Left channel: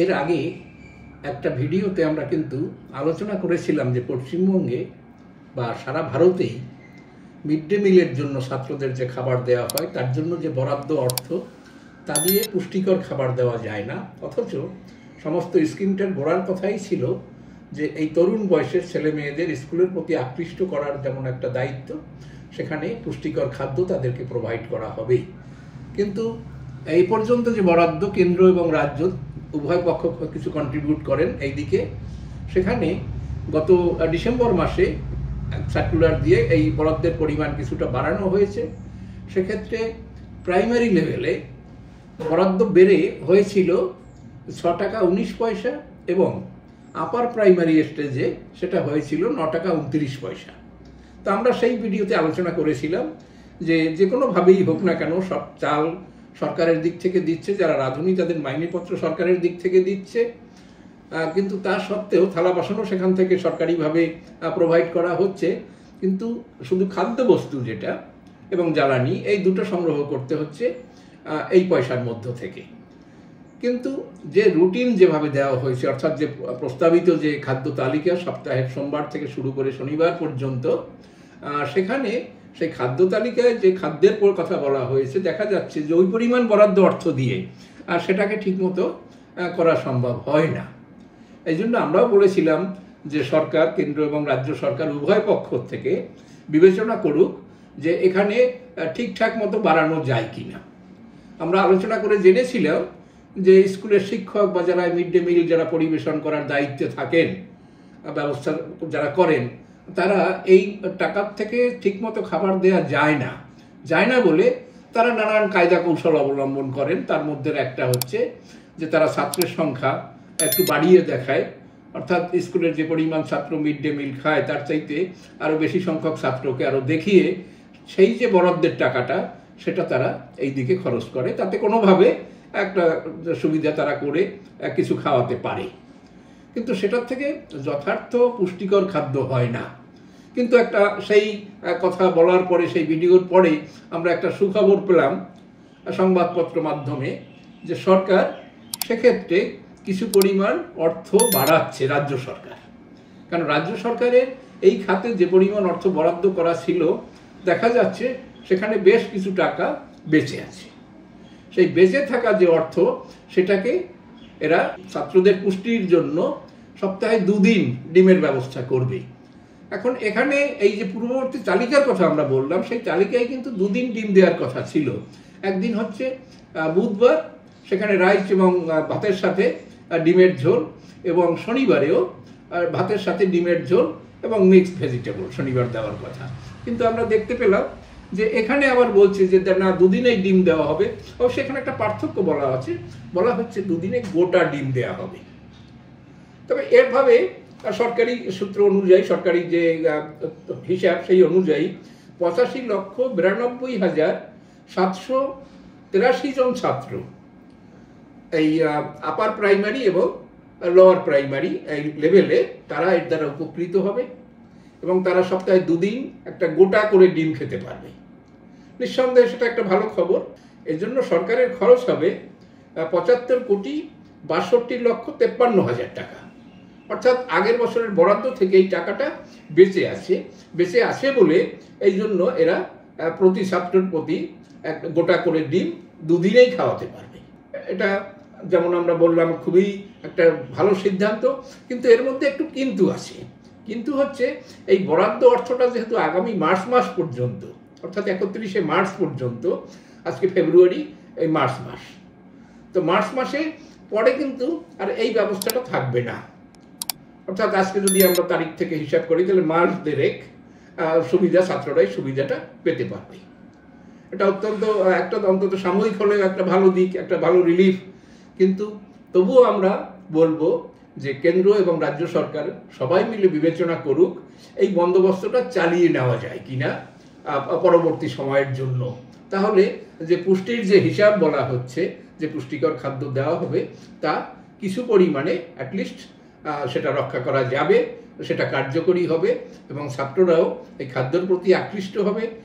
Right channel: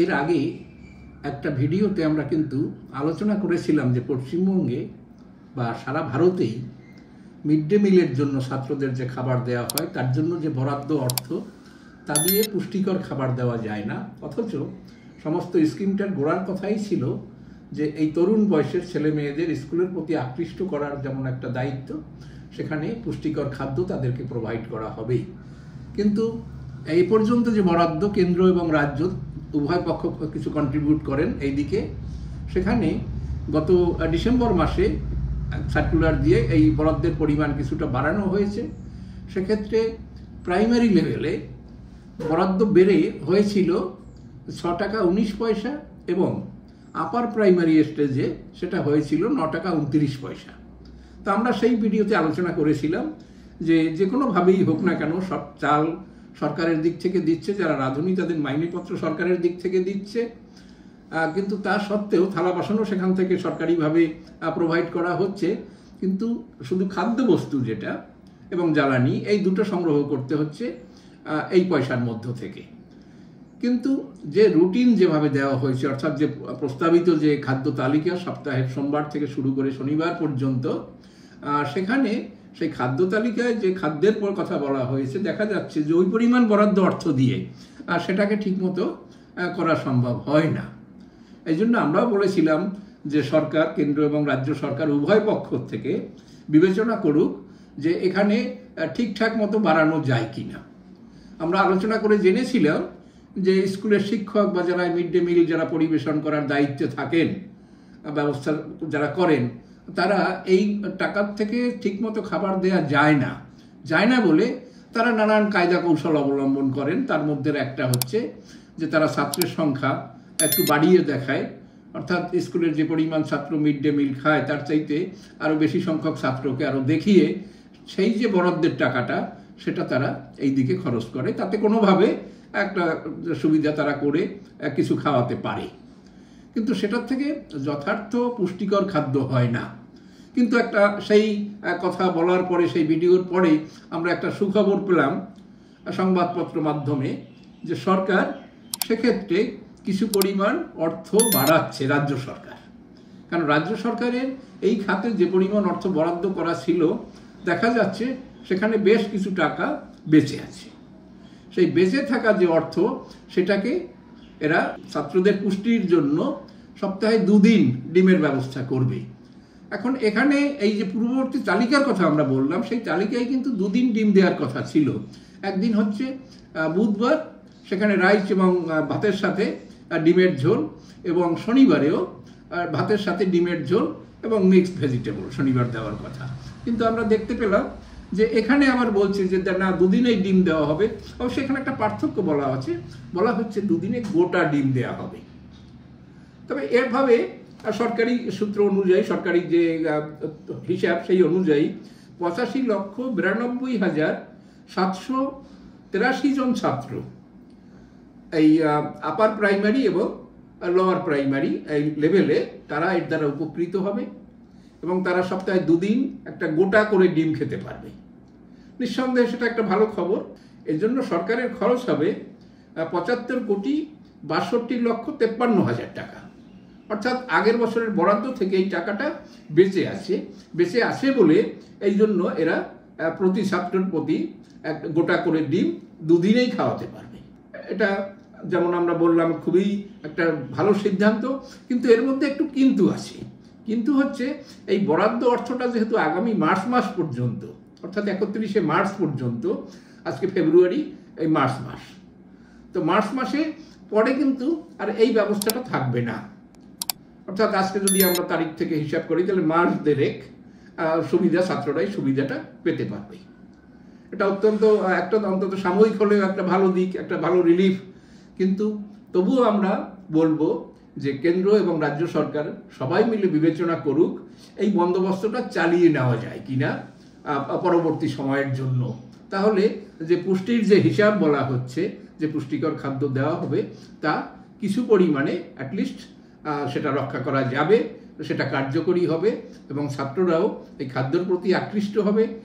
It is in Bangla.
এর আগে একটা ভিডিওতে আমরা কিন্তু আলোচনা করেছিলাম যে পশ্চিমবঙ্গে বা সারা ভারতেই মিড ডে মিলের জন্য ছাত্রদের যে খাবার দেওয়া হয় তার জন্য যে বরাদ্দ অর্থ তা দিয়ে পুষ্টিকর খাবার দেওয়া যায় না, অথচ সমস্ত স্কিমটার গোড়ার কথাই ছিল যে এই তরুণ বয়সের ছেলে মেয়েদের স্কুলের প্রতি আকৃষ্ট করার যেমন একটা দায়িত্ব, সেখানে পুষ্টিকর খাদ্য তাদেরকে প্রোভাইড করা হবেই। কিন্তু এই পর্যন্ত যে বরাদ্দ কেন্দ্র এবং রাজ্য উভয় পক্ষ কিছু কন্ট্রিবিউট করেন এই দিকে, সেখানে গত ডিসেম্বর মাসে সার্কুলার দিয়ে এই বরাদ্দের পরিমাণ কিছুটা বাড়ানো হয়েছে। সেক্ষেত্রে প্রাইমারি লেভেলে বরাদ্দ বেড়ে হয়েছিল 6 টাকা 19 পয়সা এবং আপার প্রাইমারি স্টেজে সেটা হয়েছিল 9 টাকা 29 পয়সা। তো আমরা সেই ভিডিওতে আলোচনা করেছিলাম যে কোনোভাবেই হোক না কেন সব চাল সরকারের দিক থেকে দিচ্ছে, যারা রাঁধুনি তাদের মাইনেপত্র সরকারের দিক থেকে দিচ্ছে, কিন্তু তা সত্ত্বেও থালা বাসনও সেখান থেকে সরকারিভাবে প্রোভাইড করা হচ্ছে। কিন্তু শুধু খাদ্যবস্তু যেটা এবং জ্বালানি এই দুটো সংগ্রহ করতে হচ্ছে এই পয়সার মধ্য থেকে। কিন্তু যে রুটিন যেভাবে দেওয়া হয়েছে, অর্থাৎ যে প্রস্তাবিত যে খাদ্য তালিকা সপ্তাহের সোমবার থেকে শুরু করে শনিবার পর্যন্ত, সেখানে সেই খাদ্য তালিকায় যে খাদ্যের কথা বলা হয়েছে দেখা যাচ্ছে যে ওই পরিমাণ বরাদ্দ অর্থ দিয়ে আর সেটাকে ঠিকমতো করা সম্ভব হয় না। এই জন্য আমরাও বলেছিলাম যে সরকার, কেন্দ্র এবং রাজ্য সরকার উভয় পক্ষ থেকে বিবেচনা করুক যে এখানে ঠিকঠাক মতো বাড়ানো যায় কিনা। আমরা আলোচনা করে জেনেছিলাম যে স্কুলের শিক্ষক বা যারা মিড ডে মিল যারা পরিবেশন করার দায়িত্বে থাকেন, ব্যবস্থা যারা করেন, তারা এই টাকার থেকে ঠিকমতো খাবার দেওয়া যায় না বলে তারা নানান কায়দা কৌশল অবলম্বন করেন। তার মধ্যে একটা হচ্ছে যে তারা ছাত্রের সংখ্যা একটু বাড়িয়ে দেখায়, অর্থাৎ স্কুলের যে পরিমাণ ছাত্র মিড ডে মিল খায় তার চাইতে আরও বেশি সংখ্যক ছাত্রকে আরও দেখিয়ে সেই যে বরাদ্দের টাকাটা সেটা তারা এই দিকে খরচ করে, তাতে কোনোভাবে একটা সুবিধা তারা করে কিছু খাওয়াতে পারে। কিন্তু সেটার থেকে যথার্থ পুষ্টিকর খাদ্য হয় না। কিন্তু একটা সেই কথা বলার পরে, সেই ভিডিওর পরে আমরা একটা সুখবর পেলাম সংবাদপত্র মাধ্যমে যে সরকার সেক্ষেত্রে কিছু পরিমাণ অর্থ বাড়াচ্ছে রাজ্য সরকার। কারণ রাজ্য সরকারের এই খাতে যে পরিমাণ অর্থ বরাদ্দ করা ছিল দেখা যাচ্ছে সেখানে বেশ কিছু টাকা বেঁচে আছে। সেই বেঁচে থাকা যে অর্থ সেটাকে এরা ছাত্রদের পুষ্টির জন্য সপ্তাহে 2 দিন ডিমের ব্যবস্থা করবে। এখন এখানে এই যে পূর্ববর্তী তালিকার কথা আমরা বললাম, সেই তালিকায় কিন্তু 2 দিন ডিম দেওয়ার কথা ছিল। একদিন হচ্ছে বুধবার, সেখানে রাইস এবং ভাতের সাথে ডিমের ঝোল, এবং শনিবারেও ভাতের সাথে ডিমের ঝোল এবং মিক্সড ভেজিটেবল শনিবার দেওয়ার কথা। কিন্তু আমরা দেখতে পেলাম যে এখানে আবার বলছে যে না, 2 দিনেই ডিম দেওয়া হবে। অবশ্য এখানে একটা পার্থক্য বলা হচ্ছে 2 দিনে গোটা ডিম দেওয়া হবে। তবে এভাবে সরকারি সূত্র অনুযায়ী, সরকারি যে হিসাব সেই অনুযায়ী 85,92,783 জন ছাত্র এই আপার প্রাইমারি এবং লোয়ার প্রাইমারি এই লেভেলে তারা এর দ্বারা উপকৃত হবে এবং তারা সপ্তাহে 2 দিন একটা গোটা করে ডিম খেতে পারবে। নিঃসন্দেহে সেটা একটা ভালো খবর। এর জন্য সরকারের খরচ হবে 75,62,53,53 টাকা। অর্থাৎ আগের বছরের বরাদ্দ থেকে এই টাকাটা বেঁচে আছে বলে এই জন্য এরা প্রতি ছাত্রের প্রতি গোটা করে ডিম 2 দিনেই খাওয়াতে পারবে। এটা যেমন আমরা বললাম খুবই একটা ভালো সিদ্ধান্ত। কিন্তু এর মধ্যে একটু কিন্তু আছে। কিন্তু হচ্ছে এই বরাদ্দ অর্থটা যেহেতু আগামী মার্চ মাস পর্যন্ত, অর্থাৎ 31শে মার্চ পর্যন্ত, আজকে ফেব্রুয়ারি, এই মার্চ মাস, তো মার্চ মাসে পরে কিন্তু আর এই ব্যবস্থাটা থাকবে না। অর্থাৎ আজকে যদি আমরা তারিখ থেকে হিসাব করি তাহলে মার্চ দেড়েক ছাত্ররাই সুবিধাটা পেতে পারবে। এটা অন্তত সাময়িক হলেও একটা ভালো দিক, একটা ভালো রিলিফ। কিন্তু তবুও আমরা বলবো যে কেন্দ্র এবং রাজ্য সরকার সবাই মিলে বিবেচনা করুক এই বন্দোবস্তটা চালিয়ে নেওয়া যায় কিনা পরবর্তী সময়ের জন্য। তাহলে যে পুষ্টির যে হিসাব বলা হচ্ছে, যে পুষ্টিকর খাদ্য দেওয়া হবে, তা কিছু পরিমাণে অ্যাটলিস্ট সেটা রক্ষা করা যাবে, সেটা কার্যকরী হবে এবং ছাত্ররাও এই খাদ্যের প্রতি আকৃষ্ট হবে।